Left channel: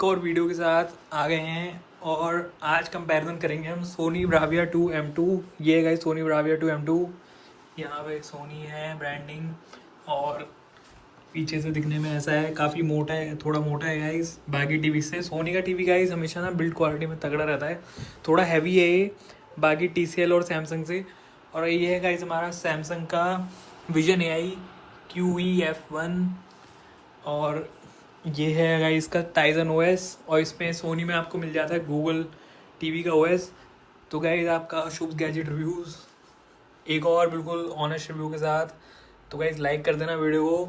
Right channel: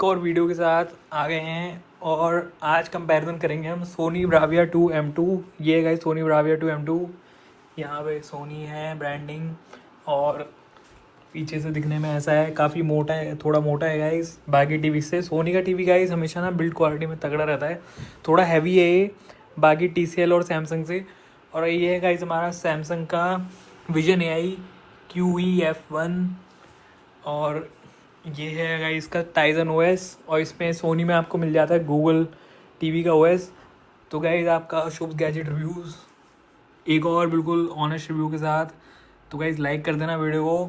एक और वीडियो के साथ आ गए हैं और आज कंपैरिजन करेंगे हम सोनी ब्राविया 2M2। ये है गाइस सोनी ब्राविया 2M2। यहाँ पे सोनी है ब्रांडिंग और पीछे से दिखने में ऐसा है, काफ़ी मोटा है, थोड़ा मोटा है गाइस बाकी टीवी से। सोनी का टीवी गाइस हमेशा ना बिल्ड क्वालिटी में तगड़ा रहता है, थोड़ा हैवी है ये बाकी TCL और सैमसंग से। और ये है गाइस हमारा सैमसंग का विजन AI QE-F1 और ये है गाइस इसका टाइजन OS और इसमें सोनी में आपको मिल जाता है गूगल टीवी का OS। तो गाइस आपका शुभ गैजेट रिव्यूज़ एक और बिल्कुल ऑनेस्ट रिव्यू के साथ। तो गाइस लाइक कर देना वीडियो को।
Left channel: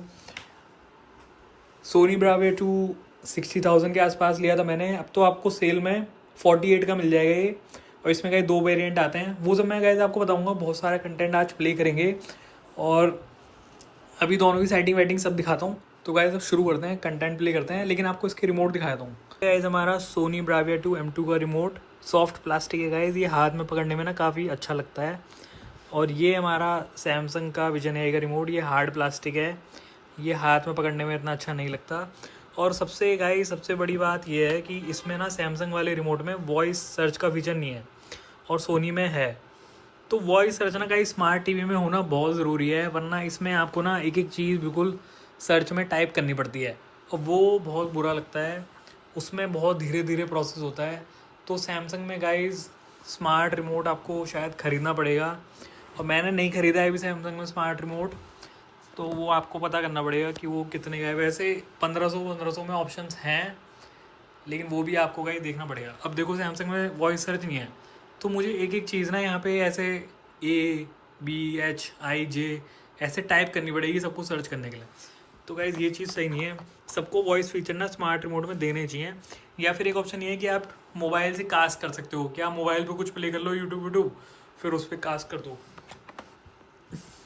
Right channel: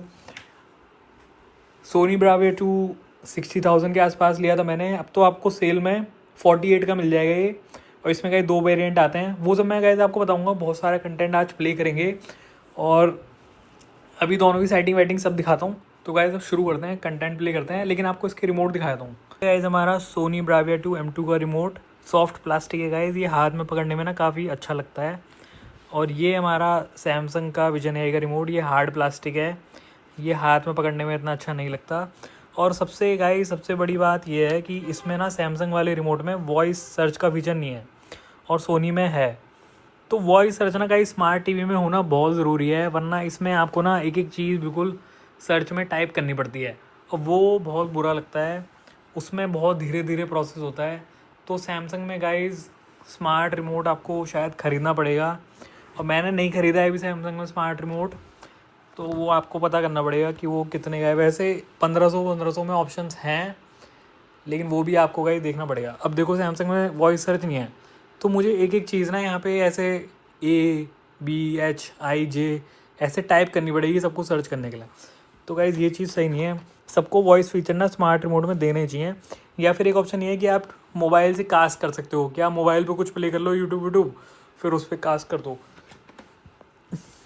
सोनी ब्राविया 2 60,000 के आसपास लिया था मैंने, अब तो आपको सेल में 48 का मिल जाएगा ये। और इसमें गाइस 2 वेरिएंट आते हैं, वो सब मैं गाइस आपको बताऊंगा। बहुत सारा कंटेंट आज प्ले करेंगे और अभी दोनों की सेटिंग वेटिंग सब दिखाता हूँ। तो गाइस अब शुरू करते हैं, कंटेंट प्ले करते हैं, लेकिन आपको इसकी रिमोट दिखाता हूँ। गाइस हमारा सोनी ब्राविया 2M2 का रिमोट सॉफ्ट प्लास्टिक है गाइस, ये हाथ में पकड़ने में ना काफ़ी अच्छा लगता है। और ये हमारा सैमसंग का विजन AI का रिमोट, ये हार्ड प्लास्टिक है, ये हाथ में पकड़ने में इतना अच्छा नहीं लगता। और सबसे बड़ी बात ये है कि इसमें ना सैमसंग वाले रिमोट में वॉइस सर्च का फीचर नहीं है और सोनी में है। तो वॉइस सर्च ना का स्मार्ट टीवी में होना बहुत ज़रूरी है, वरना इसमें आपको ना एक एक चीज़ बिल्कुल सर्च में टाइप करनी पड़ती है और वो बहुत बुरा लगता है, उसमें बहुत धीरे धीरे प्रोसेस होता है। तो सैमसंग में गाइस स्मार्ट रिमोट आपको शायद ख़रीदना पड़ेगा और मैंने नहीं ख़रीदा है अभी सैमसंग में स्मार्ट रिमोट, तो वो आपको पता करना पड़ेगा कि वो कितने का है। वैसे 1500 में ऑप्शंस हैं, लेकिन वो भी आपको गाइस देखना पड़ेगा। अब देखो सैमसंग में वॉइस सर्च नहीं है, तो मुझे एक एक चीज़ ना यहाँ पे ऐसे ABHIJ ऐसे टाइप करनी पड़ेगी सबको सर्च करने के लिए। तो गाइज़ ये चीज़ सही नहीं है, सबको वॉइस फीचर ना स्मार्ट रिमोट में देने चाहिए। या फिर एक ऑप्शन ये है कि आप मोबाइल से कास्ट कर सकते हो, कि आप मोबाइल पे कुछ प्ले कर लो यूट्यूब फिर उस पर कास्ट कर दो।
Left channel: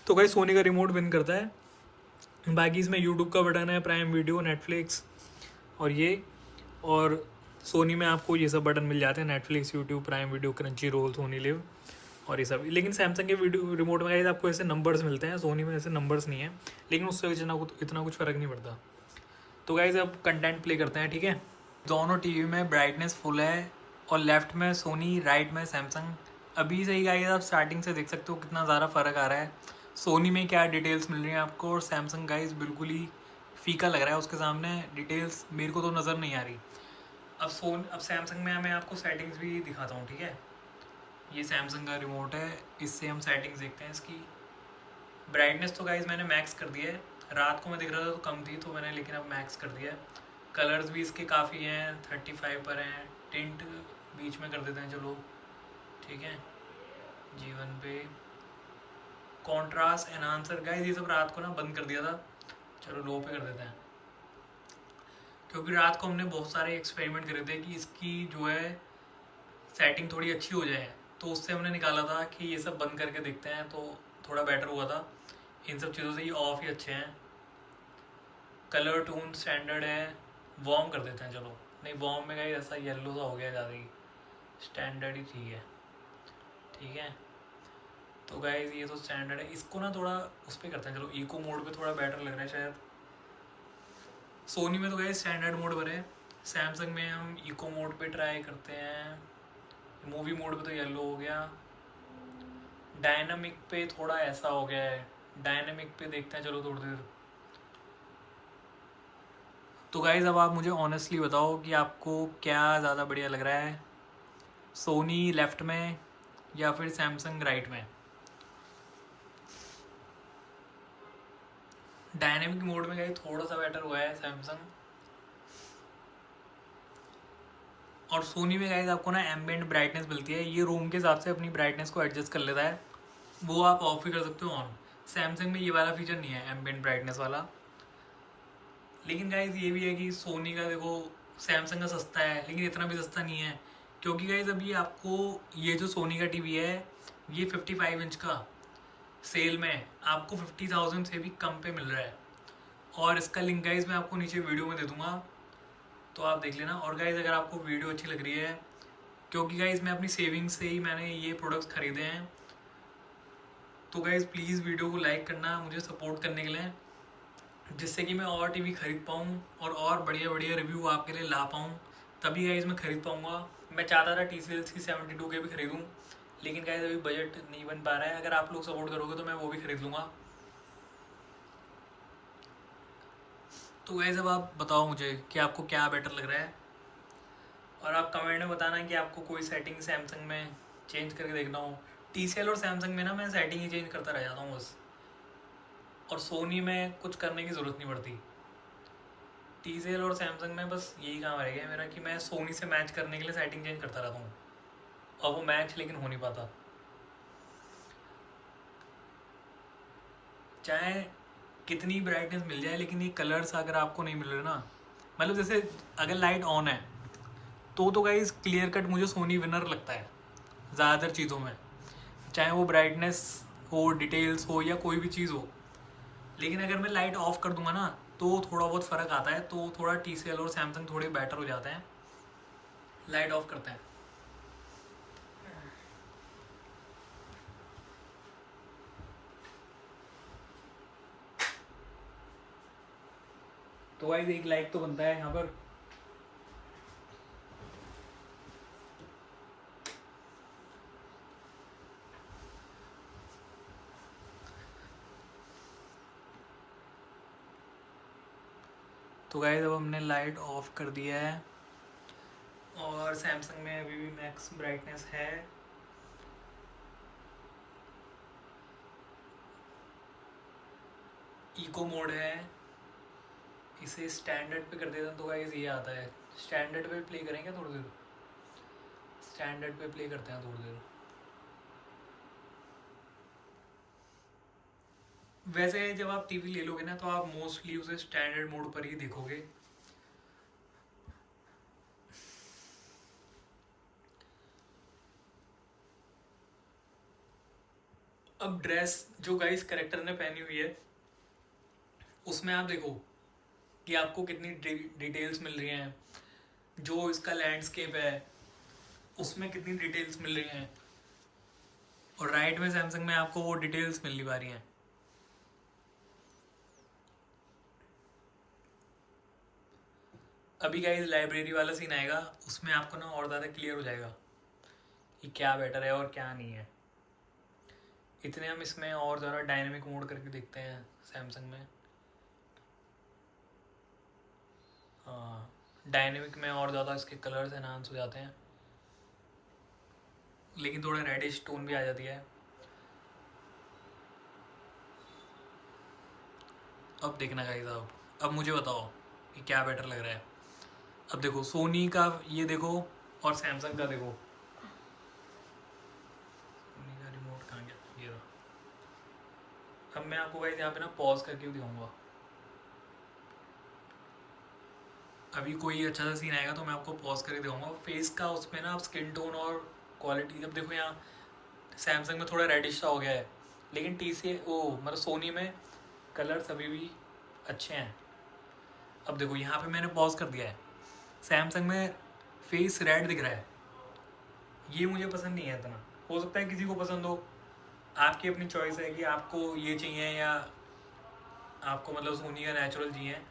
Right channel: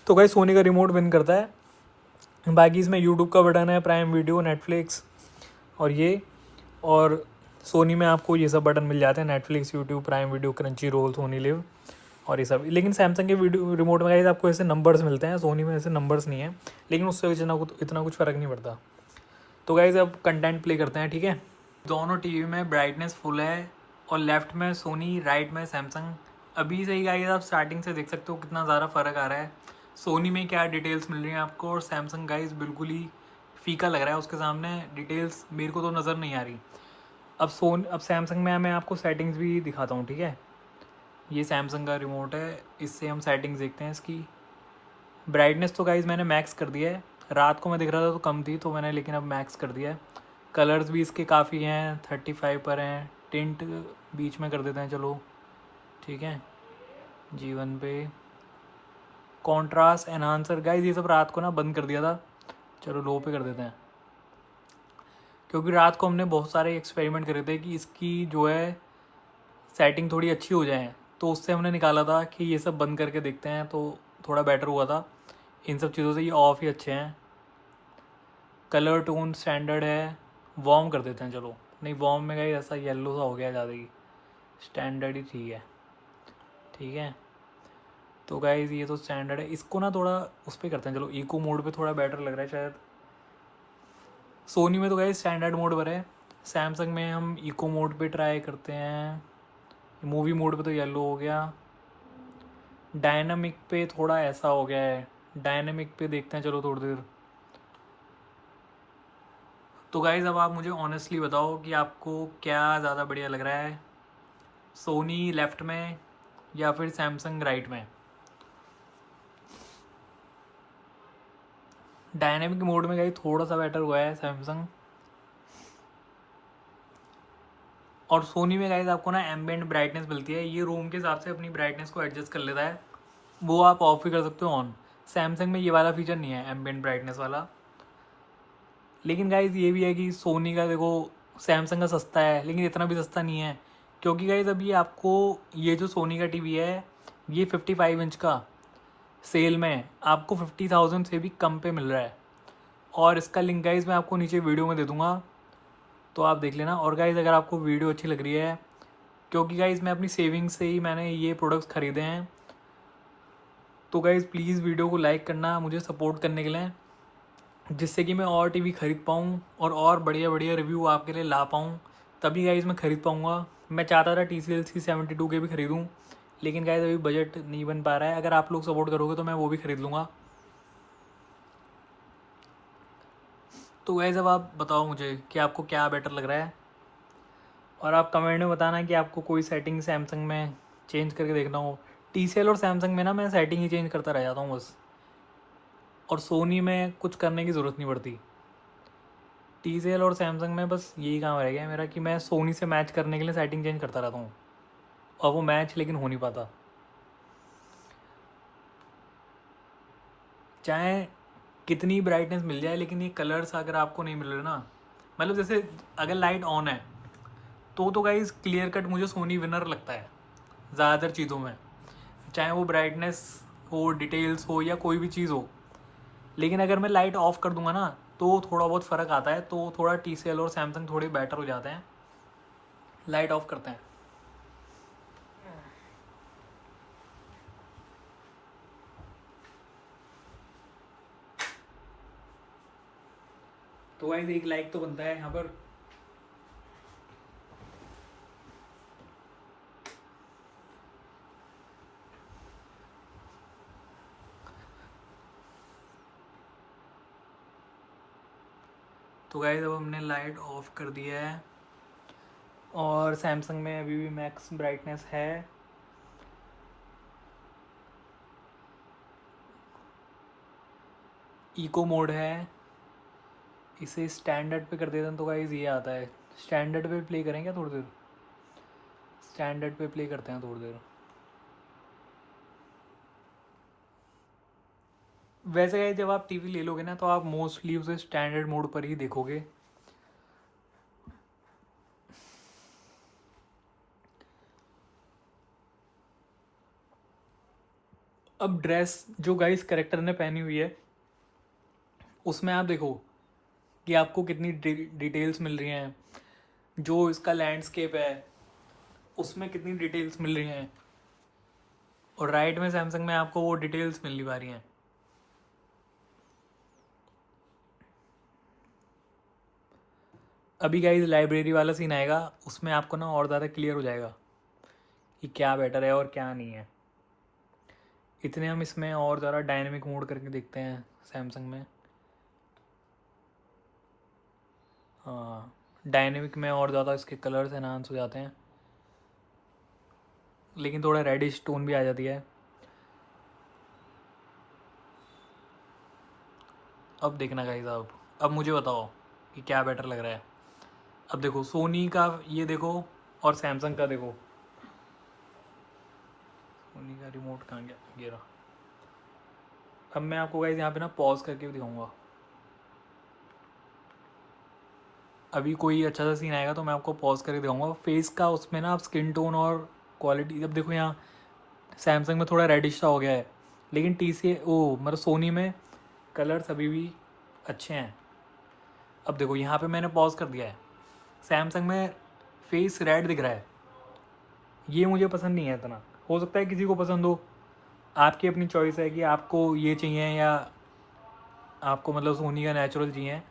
तो गाइज़ सोनी का रिमोट विन करता है। बाकी इसमें यूट्यूब का बटन है, प्राइम वीडियो, नेटफ्लिक्स और ये। और सोनी में आपको ये सब बटन मिल जाते हैं, Netflix, YouTube, Prime Video, Crunchyroll, Sony LIV और ये सब। लेकिन सैमसंग के वीडियो रिमोट में गाइस आपको ऐसे नंबर्स मिलते हैं, सोनी में ऐसे नंबर्स नहीं है, लेकिन उससे इतना कुछ फ़र्क नहीं पड़ता। तो गाइस अब कंटेंट प्ले करते हैं, ठीक है। दोनों टीवी में ब्राइटनेस फुल है और लेफ्ट में सोनी, राइट में सैमसंग। अभी से ही गाइस आप स्टार्टिंग से देख सकते हो कितना ज़्यादा फ़र्क आ रहा है। सोनी में क्या डिटेल्स मिल रही हैं आपको और सैमसंग गाइस बिल्कुल ही फीका लग रहा है, उसके सामने डिटेल्स मेरे को तो नज़र नहीं आ रही। अब सैमसंग में मैं आपको सेटिंग्स भी दिखाता हूँ, ठीक है। ये सैमसंग का रिमोट है, इससे हम सेटिंग्स देखते हैं इसकी। ब्राइटनेस तो गाइज मैंने मैक्स कर दिया है, रात को मैं देख रहा था तो कम थी, तो मैंने लेकिन अब मैक्स कर दिया है। कलर्स भी इसके काफ़ी हैं, 35 पर हैं। टिंट बीच में कर देते हैं, चलो ठीक है, G1 पे। कॉन्ट्रास्ट, एनहांसर गाइज ये सब रात को ना बंद कर दिया था, चलो लो पे कर देते हैं। क्योंकि रात को हमने बहुत सारे एक्सपेरिमेंट करे थे कि इसकी जो है सेटिंग थोड़ी अच्छी हो जाए, तो उससे हमने निकाला था कि ये सब बंद करके देखते हैं तो थोड़ा बेटर हुआ था। इन सब चीज़ों से ये ऑफ ही अच्छे हैं। कलर टोन स्टैंडर्ड है, वार्म कर देते हैं, चलो नहीं वार्म में कहीं ऐसा येलो सा हो गया ज़्यादा ही, स्टैंडर्ड ही ठीक है। तो गाइज ये तो स्टैंडर्ड है, इसको ना थोड़ा उस पर करते हैं, चलो इको मोड पे थोड़ा बेटर लग रहा है शायद। सोनी में तो गाइज स्टैंडर्ड मोड पर है, सैमसंग में हम इको मोड पे ट्राई करते हैं। मूवी मोड पे तो येलो हो गया, डायनामिक पे थोड़ा ऐसा हो गया है, डायनामिक पे देखते हैं चलो थोड़ी देर। तो गाइज़ अब आप मुझे ऑनेस्टली बताओ कि आपको क्या ज़्यादा बढ़िया लग रहा है, सोनी लेफ़्ट में या फिर सैमसंग राइट में। डायनामिक मोड में गाइस थोड़ा सा बेटर हुआ है सैमसंग, और सोनी में गाइस आपको ना एम्बिएंट ब्राइटनेस मिलती है, ये रूम के हिसाब से अपनी ब्राइटनेस को एडजस्ट कर लेता है, वो आप ऑफ भी कर सकते हो ऑन। सैमसंग में ये वाला फीचर नहीं है एम्बिएंट ब्राइटनेस वाला। लेकिन गाइज ये भी है कि सोनी का देखो, सैमसंग का सस्ता है लेकिन इतना भी सस्ता नहीं है, क्योंकि गाइज अभी आपको ये जो सोनी का टीवी है ये 55 इंच का सेल में आपको 50,000 से भी कम पे मिल रहा है। और इसका लिंक गाइज मैं आपको नीचे वीडियो में दे दूँगा, तो आप देख लेना। और गाइज अगर आपको वीडियो अच्छी लग रही है, क्योंकि गाइज मैं अपनी सेविंग्स से ही मैंने ये प्रोडक्ट्स ख़रीदे हैं, तो गाइज प्लीज़ वीडियो को लाइक करना मुझे सपोर्ट करने के लिए, जिससे कि मैं और टीवी ख़रीद पाऊँ और बढ़िया बढ़िया रिव्यू आपके लिए ला पाऊँ। तभी गाइज मैं खरीद पाऊँगा। मैं चाहता था TCL की 72 के भी खरीदूँ, लेकिन गाइज अभी बजट नहीं बन पा रहा है। अगर आप लोग सपोर्ट करोगे तो मैं वो भी खरीद लूँगा। तो गाइज अब आप बताओ मुझे कि आपको क्या बेटर लग रहा है, और आप कमेंट में बताना कि आपको कोई सेटिंग सैमसंग में चेंज करके देखना हो। TCL और सैमसंग में ना मैं सेटिंग ही चेंज करता रह जाता हूँ बस, और सोनी में कुछ करने की ज़रूरत नहीं पड़ती। TCL और सैमसंग में बस यही काम रह गया मेरा कि मैं सोनी से मैच करने के लिए सेटिंग चेंज करता रहता हूँ, और वो मैच लेकिन हो नहीं पाता। चाहे कितनी ब्राइटनेस मिल जाए, लेकिन ये कलर्स अगर आपको नहीं मिल रहे ना, मतलब जैसे अगर लाइट ऑन है तो गाइज क्लियर कट मुझे सोनी विनर लगता है ज़्यादातर चीज़ों में, चाहे वो ब्राइटनेस हो, डिटेल्स हो, या कोई भी चीज़ हो। लेकिन अगर मैं लाइट ऑफ कर दूंगा ना तो थोड़ा बहुत फ़र्क आता है, तो थोड़ा TCL और सैमसंग थोड़े बेटर हो जाते हैं लाइट ऑफ करते हैं। तो गाइज एक लाइक तो बनता है यहाँ पर। तो गाइज अब हमने लाइट ऑफ कर दिया है, और सैमसंग में अभी भी मैक्स ब्राइटनेस है। इको मोड है, इसे स्टैंडर्ड पे कर देते हैं तो गाइज ये आता है। स्टैंडर्ड पे प्ले करेंगे थोड़ी देर, स्टैंडर्ड पे प्ले करते हैं थोड़ी देर। वैसे जब आप टीवी ले लोगे ना तो आप मोस्टली उसे स्टैंडर्ड मोड पर ही देखोगे। अब ड्रेस जो गाइस करेक्टर ने पहनी हुई है उसमें आप देखो कि आपको कितनी डिटेल्स मिल रही हैं। जो इसका लैंडस्केप है उसमें कितनी डिटेल्स मिल रही हैं, और राइट में सैमसंग में आपको वो डिटेल्स मिल नहीं पा रही हैं। अभी गाइस लाइब्रेरी वाला सीन आएगा, उसमें आपको ना और ज़्यादा क्लियर हो जाएगा कि क्या बेटर है और क्या नहीं है। इतने हम इसमें और ज़्यादा डायनेमिक मोड करके देखते हैं सैमसंग में। हाँ, डायनेमिक में और ज़्यादा इसके कलर्स एनहांस हो जाते हैं, लेकिन थोड़ा रेडिश टोन भी आ जाती है। अब देखना गाइस, अब मुझे बताओ कि क्या बेटर लग रहा है। अब देखो सोनी का ये देखो, और सैमसंग का देखो। सोनी का रिमोट कहाँ गया, ये रहा। अब मैं आपको गाइस यहाँ पे ना पॉज करके दिखाऊंगा। अभी कोई अच्छा सा सीन आएगा तो मैं आपको पॉज करके दिखाऊंगा फेस का। उसमें ना आप स्किन टोन और क्वालिटी, जब देखो यहाँ सैमसंग में थोड़ा रेडिश सा हो गया है, लेकिन मतलब सोनी में कलर्स अभी भी अच्छे हैं। अब देखो यहाँ पे मैंने पॉज कर दिया है, सैमसंग में फेस रेड दिख रहा है। ये मुझे पसंद नहीं है इतना, हो सकता है किसी को पसंद हो, आपकी अपनी चॉइस है कि आपको ये चाहिए या आपको मतलब सोनी का नेचुरल चाहिए।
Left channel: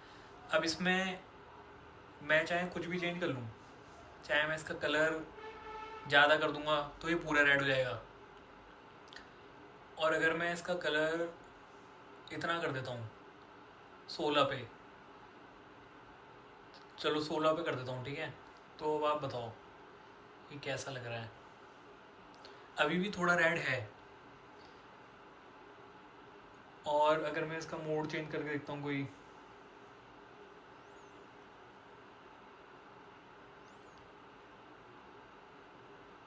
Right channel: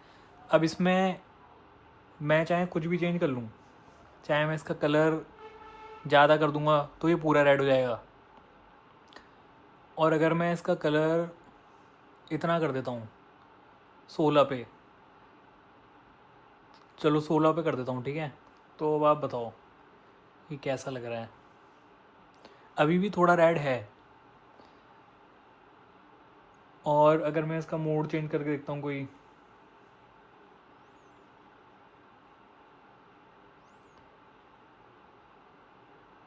अब इसमें मैं चाहे कुछ भी चेंज कर लूँ, चाहे मैं इसका कलर ज़्यादा कर दूंगा तो ये पूरा रेड हो जाएगा, और अगर मैं इसका कलर इतना कर देता हूँ 16 पे, चलो 16 पे कर देता हूँ, ठीक है। तो अब आप बताओ ये कैसा लग रहा है। अभी भी थोड़ा रेड है, और अगर मैं इसका मोड चेंज करके देखता हूँ कोई,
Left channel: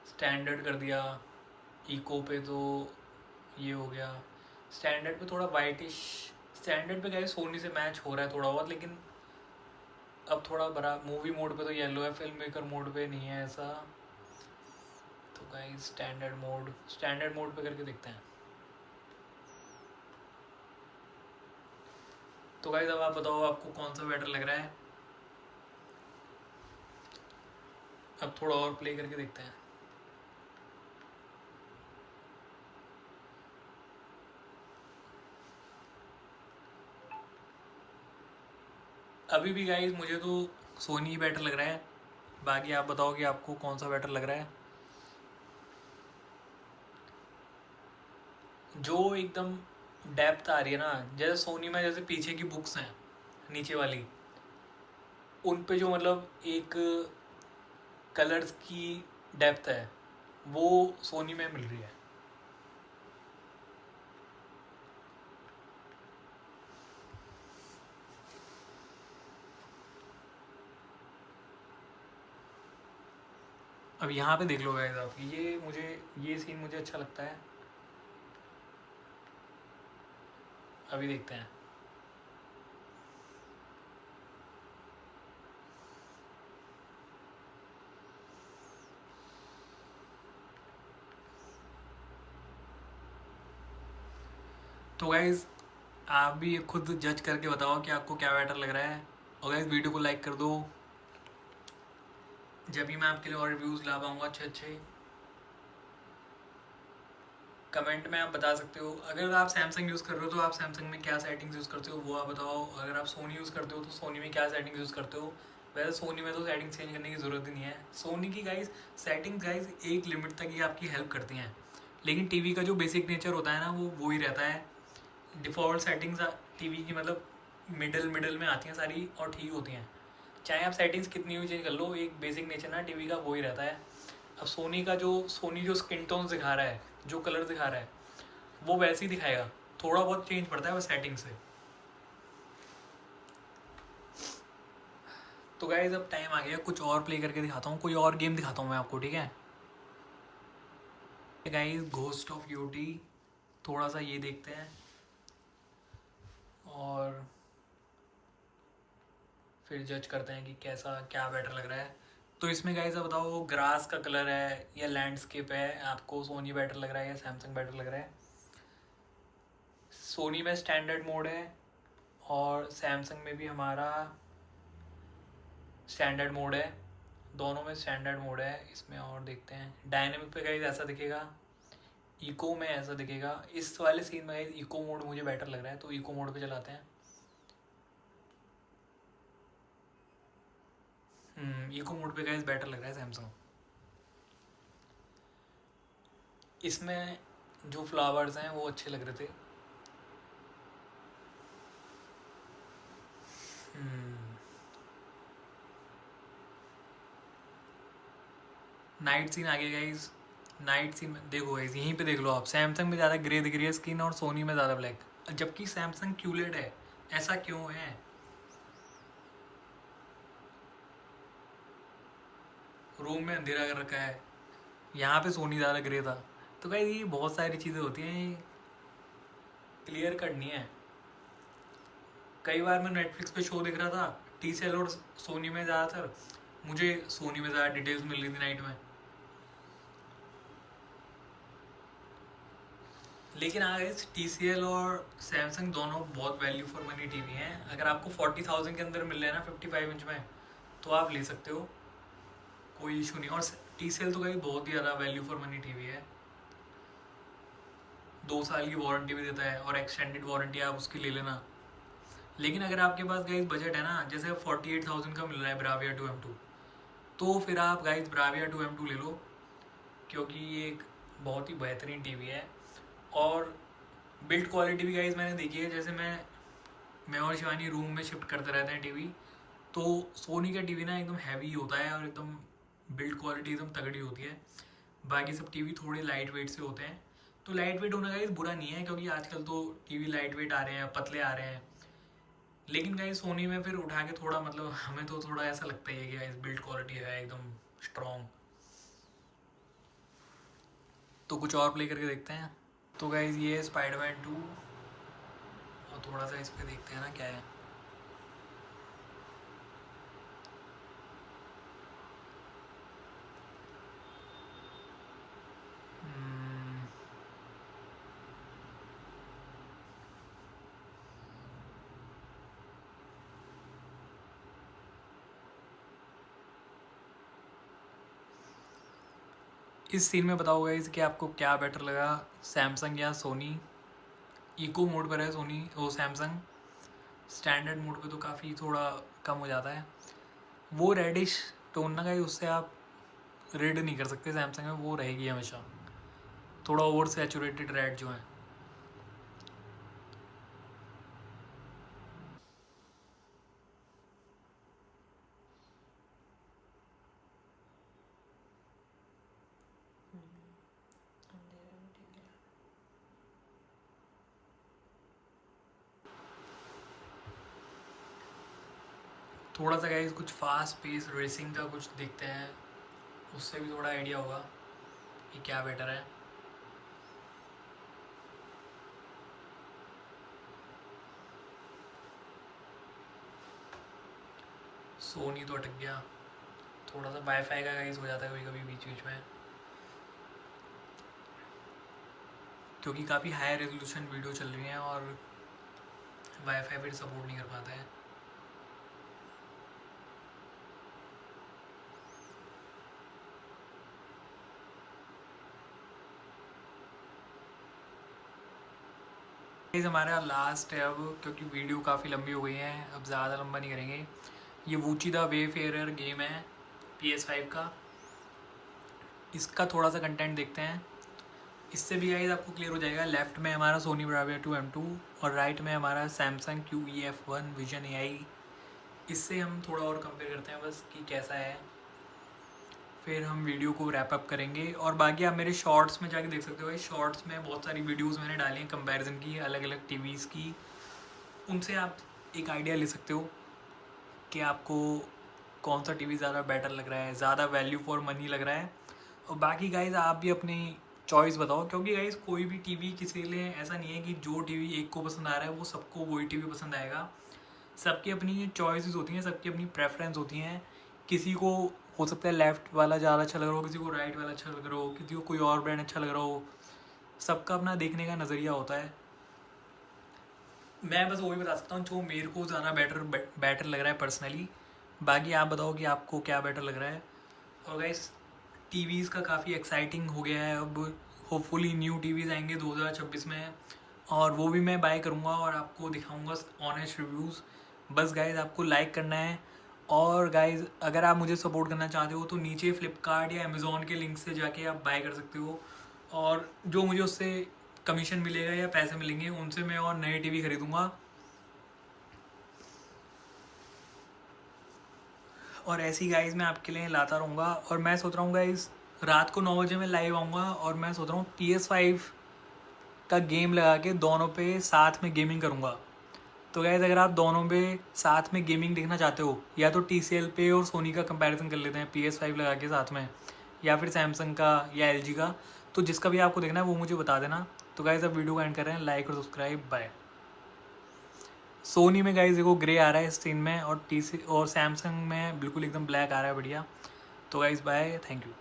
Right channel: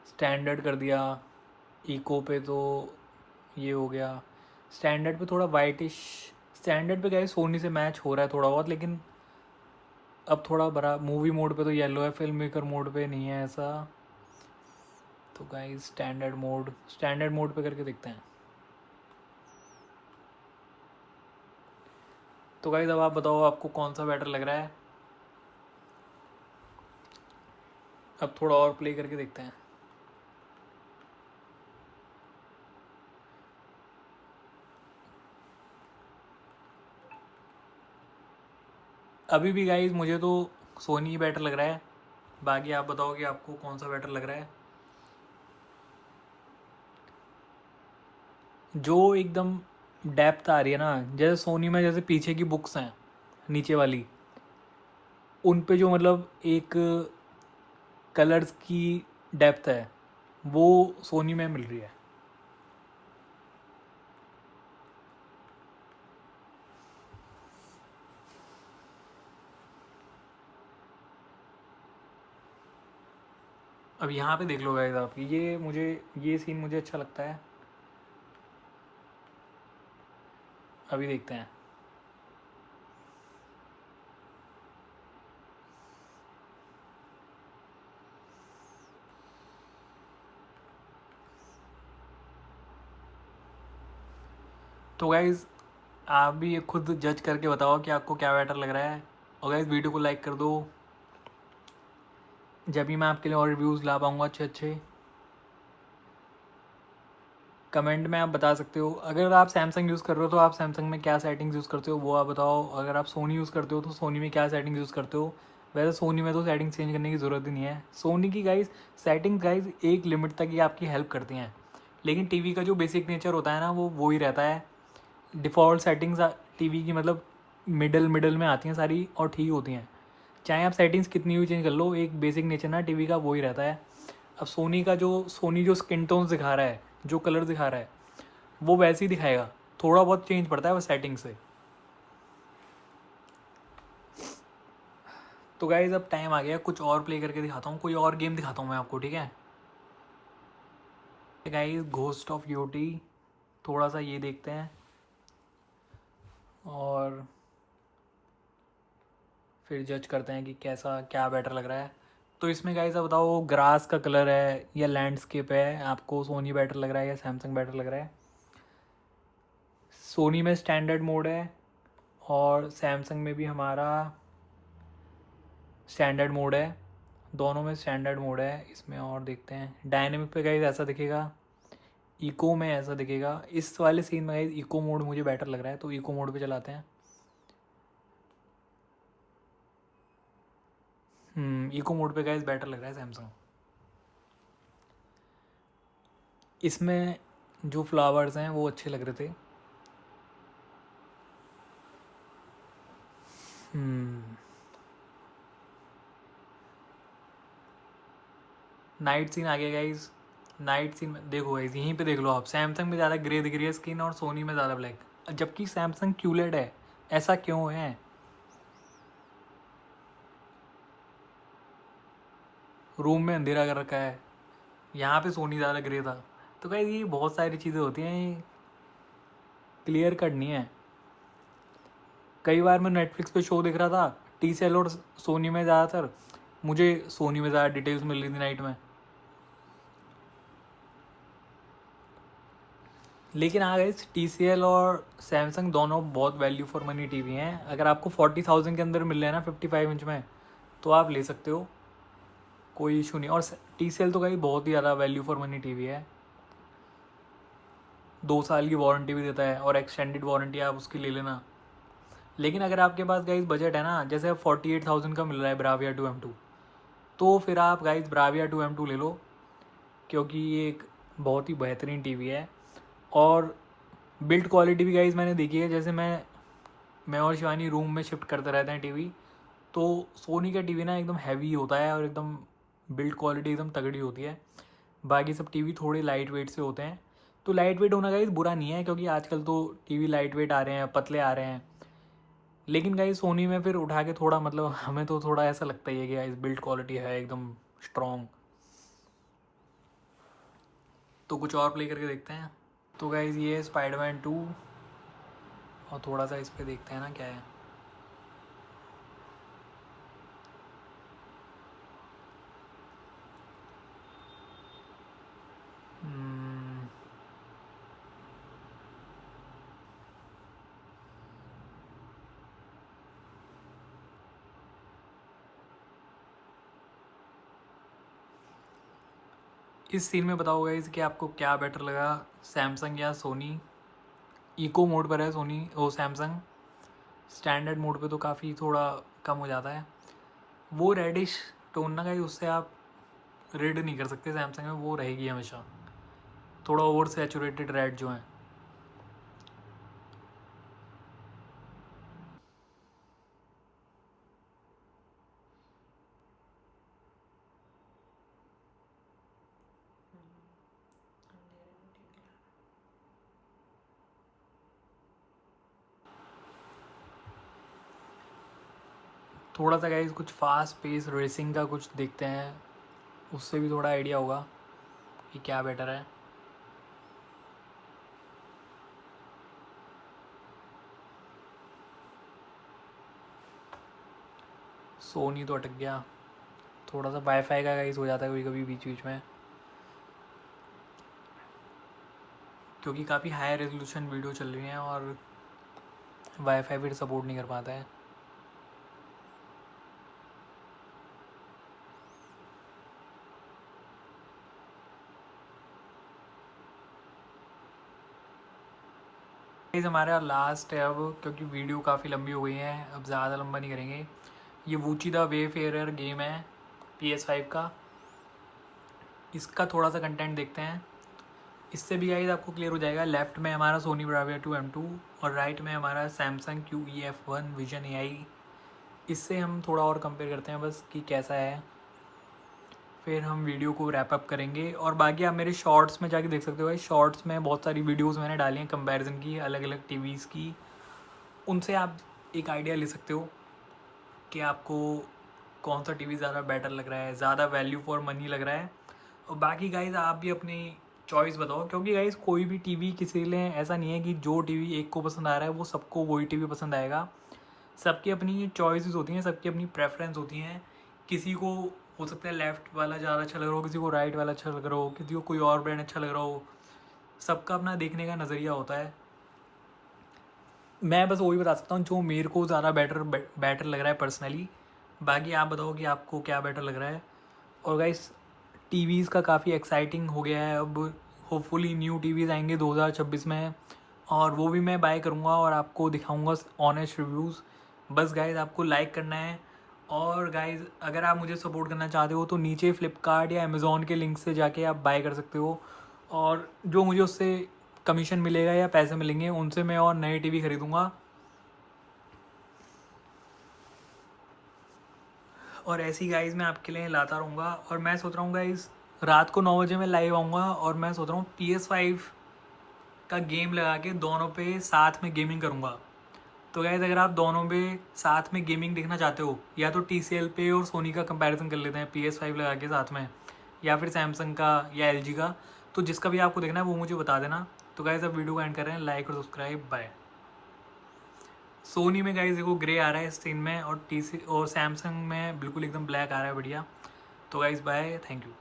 स्टैंडर्ड कर दिया, इको पे तो ये हो गया। स्टैंडर्ड पे थोड़ा वाइटिश, स्टैंडर्ड पे गए सोनी से मैच हो रहा है थोड़ा बहुत, लेकिन अब थोड़ा बड़ा मूवी मोड पे तो येलो है, फिल्म मेकर मोड पे नहीं है ऐसा। तो गाइस स्टैंडर्ड मोड पे करके देखते हैं। तो गाइस अब आप बताओ आपको कौन सा बेटर लग रहा है। अब थोड़ा और प्ले करके देखते हैं। अभी भी गाइस मुझे तो सोनी ही बेटर लग रहा है, बाकी आप बताओ कि आपको कौन सा बेटर लग रहा है। जो एकदम डेप्थ आ रही है ना, जैसे सोनी में जैसे पीछे की बुक्स हैं नीचे वाली, उन पे जो मतलब एक कलर्स की डेप्थ है वो सोनी में मिल रही है। अब यहाँ पे देख लो गाइस आप, ये सीन मुझे अच्छा लगता है। अभी देखते हैं। तो गाइज आप भी खुद जज करके बताओ कि आपको क्या बेटर लग रहा है। और गाइज वीडियो को लाइक कर दो, जब भी मैं आपके लिए और रिव्यूज़ ला पाऊँगा अच्छे अच्छे। कमेंट में आप बता सकते हो, अगर आप सैमसंग यूज़ कर रहे हो तो आप सैमसंग में क्या सेटिंग्स यूज़ करते हो वो आप बताओ। अगर आप सोनी यूज़ करते हो तो सोनी में क्या सेटिंग यूज़ करते हो। वैसे सोनी में तो सेटिंग चेंज करने की ज़रूरत ही नहीं है। सोनी की गाइज सेटिंग गाइज एक लिमिट तक ही आपकी हेल्प करती हैं, लेकिन टीवी का जो बेसिक नेचर होता है ना वो ही रहता है। डिफ़ॉल्ट सेटिंग्स टीवी की मतलब मिडल मिडल में आती हैं सारी और ठीक होती हैं। चाहे आप सेटिंग्स कितनी भी चेंज कर लो, एक बेसिक नेचर ना टीवी का वो ही रहता है। अब सोनी जो स्किन टोन्स दिखा रहा है, जो कलर दिखा रहा है वो वैसे ही दिखाएगा। थोड़ा बहुत चेंज पड़ता है बस सेटिंग से। तो गाइज अब टाइम आ गया, कुछ और प्ले करके दिखाता हूँ, कोई और गेम दिखाता हूँ मैं आपको, ठीक है गाइज। घोस्ट ऑफ यूटी, थोड़ा सा ये देखते हैं और फिर जज करते हैं कि कैसा क्या बेटर लग रहा है। तो इसमें गाइज आप बताओ ग्रास का कलर है या लैंडस्केप है, आपको सोनी बेटर लग रहा है या सैमसंग बेटर लग रहा है। सोनी में स्टैंडर्ड मोड है और सैमसंग में भी हमारा स्टैंडर्ड मोड है। दोनों में स्टैंडर्ड मोड है। इसमें और देखते हैं, डायनेमिक पे गाइज ऐसा दिखेगा, इको में ऐसा दिखेगा। इस वाले सीन में गाइज इको मोड मुझे बेटर लग रहा है, तो इको मोड पे चलाते हैं। इको मोड पे गाइज बेटर लग रहा है सैमसंग। इसमें जो फ्लावर्स हैं वो अच्छे लग रहे थे। नाइट सीन आ गया गाइज। नाइट सीन में देखो गाइज, यहीं पे देख लो आप, सैमसंग में ज़्यादा ग्रे दिख रही है स्किन और सोनी में ज़्यादा ब्लैक, जबकि सैमसंग क्यूलेड है। ऐसा क्यों है? रूम में अंधेरा कर रखा है, यहाँ पे सोनी ज़्यादा ग्रे था। तो गाइज ये बहुत सारी चीज़ें होती हैं, क्लियर करनी है। कई बार मैं नेटफ्लिक्स पे शो देख रहा था, टी सी एल और सोनी में ज़्यादातर, मुझे सोनी में ज़्यादा डिटेल्स मिल रही थी नाइट में। लेकिन हाँ गाइस, टी सी एल और सैमसंग दोनों बहुत वैल्यू फॉर मनी टीवी हैं। अगर आपको 40,000 के अंदर मिल रहे हैं ना 55 इंच में, तो आप ले सकते हो, कोई इशू नहीं। और टी सी एल तो गाइस बहुत ही ज़्यादा वैल्यू फॉर मनी टीवी है। 2 साल की वारंटी भी देता है और एक्सटेंडेड वारंटी आप उसकी ले लेना। लेकिन अगर आपके पास गाइस बजट है ना, जैसे 48,000 का मिल रहा है ब्राविया 2M2, तो फिर आप गाइस ब्राविया 2M2 ले लो, क्योंकि ये एक बहुत ही बेहतरीन टीवी है। और बिल्ड क्वालिटी भी गाइस मैंने देखी है, जैसे मैं और शिवानी रूम में शिफ्ट करते रहते हैं टीवी, तो सोनी का टीवी ना एकदम हैवी होता है और एकदम बिल्ड क्वालिटी एकदम तगड़ी होती है। बाकी सब टीवी थोड़े लाइट वेट से होते हैं। तो लाइट वेट होना गाइस बुरा नहीं है, क्योंकि आजकल तो टीवी लाइट वेट आ रहे हैं, पतले आ रहे हैं। लेकिन गाइस सोनी में फिर उठा के थोड़ा मतलब हमें तो थोड़ा ऐसा लगता ही है कि गाइस बिल्ड क्वालिटी है एकदम स्ट्रॉन्ग। तो कुछ और प्ले करके देखते हैं। तो गाइस ये है स्पाइडरमैन 2, और थोड़ा सा इस पर देखते हैं ना क्या है। हम्म, इस सीन में बताओ गाइस कि आपको क्या बेटर लगा, सैमसंग या सोनी। इको मोड पर है सोनी वो सैमसंग, स्टैंडर्ड मोड पे तो काफ़ी थोड़ा कम हो जाता है। वो रेडिश टोन ना गाइस उससे आप रेड नहीं कर सकते सैमसंग में, वो रहेगी हमेशा थोड़ा ओवर सैचुरेटेड रेड जो है। थोड़ा सा गाइस कुछ फास्ट पेस रेसिंग का कुछ देखते हैं, उससे भी थोड़ा आइडिया होगा कि क्या बेटर है। सोनी तो अटक गया, थोड़ा सा वाईफाई का गाइस हो जाता है कभी कभी बीच बीच में, क्योंकि काफ़ी हाई रेजोल्यूशन वीडियो चल रही हैं और वाईफाई भी सपोर्ट नहीं कर पाता है। गाइस हमारा लास्ट है अब, क्योंकि वीडियो काफ़ी लंबी हो गई है, अब ज़्यादा लंबा नहीं करेंगे। ये वूची द वेफेयर गेम है PS5 का, इसका थोड़ा सा कंटेंट देखते हैं। इससे भी गाइस आपको क्लियर हो जाएगा। लेफ्ट में हमारा सोनी ब्राविया 2M2 और राइट में हमारा सैमसंग QE-F1 विजन AI। इससे हम थोड़ा और कंपेयर करते हैं बस कि कैसा है, फिर हम वीडियो को रैप अप करेंगे। और बाकी आप मेरे शॉर्ट्स में जाके देख सकते हो, शॉर्ट्स में बहुत सारी वीडियोस मैंने डाली हैं कंपैरिजन की अलग अलग टीवीज़ की, उनसे आप एक आइडिया ले सकते हो कि आपको कौन सा टीवी ज़्यादा बेटर लग रहा है, ज़्यादा वैल्यू फॉर मनी लग रहा है। और बाकी गाइज आप भी अपनी चॉइस बताओ, क्योंकि गाइज कोई भी टीवी किसी के लिए ऐसा नहीं है कि जो टीवी एक को पसंद आ रहा है वो सबको वही टीवी पसंद आएगा। सबकी अपनी चॉइसेस होती हैं, सबकी अपनी प्रेफरेंस होती हैं। किसी को हो सकता है लेफ़्ट वाला ज़्यादा अच्छा लग रहा हो, किसी को राइट वाला अच्छा लग रहा हो, किसी को कोई और ब्रांड अच्छा लग रहा हो। सबका अपना देखने का नज़रिया होता है। मैं बस वही बता सकता हूँ जो मेरे को ज़्यादा बेटर लग रहा है पर्सनली। बाकी आप बताओ कि आपको क्या बेटर लग रहा है। और गाइस टीवीज़ का काफ़ी एक्साइटिंग हो गया है अब, होपफुली न्यू टीवीज़ आएंगे 2026 में, और वो भी मैं बाय करूँगा और आपको दिखाऊँगा ऑनेस्ट रिव्यूज़। बस गाइज आपको लाइक करना है। और गाइज अगर आप मुझे सपोर्ट करना चाहते हो तो नीचे फ्लिपकार्ट या अमेज़ोन के लिंक से जाके आप बाय कर सकते हो, और जो मुझे उससे कमीशन मिलेगा या पैसे मिलेंगे उनसे मैं और नए टीवी खरीदूँगा। और ऐसी गाइज मैं आपके लिए लाता रहूँगा। और मैं सोच रहा हूँ गाइज रात को 9 बजे मैं लाइव आऊँगा, और मैं सोच रहा हूँ PS5 का गेम लगा के दोनों पे साथ में गेमिंग करूँगा। तो गाइज अगर आप दोनों पे साथ में गेमिंग देखना चाहते हो, या तो TCL पे और सोनी का कंपैरिजन कर लेते हैं PS5 लगा के साथ में, या फिर सैमसंग का या LG का, तो जिसका भी आपको देखना है वो मुझे बता देना। तो गाइज अब वीडियो को एंड कर रहे हैं, लाइक और सब्सक्राइब बाय। सोनी में गाइज देखो ग्रे आ रहा है स्क्रीन में, और सैमसंग में बिल्कुल एकदम ब्लैक आ रहा है, बढ़िया। तो गाइज बाय, थैंक यू।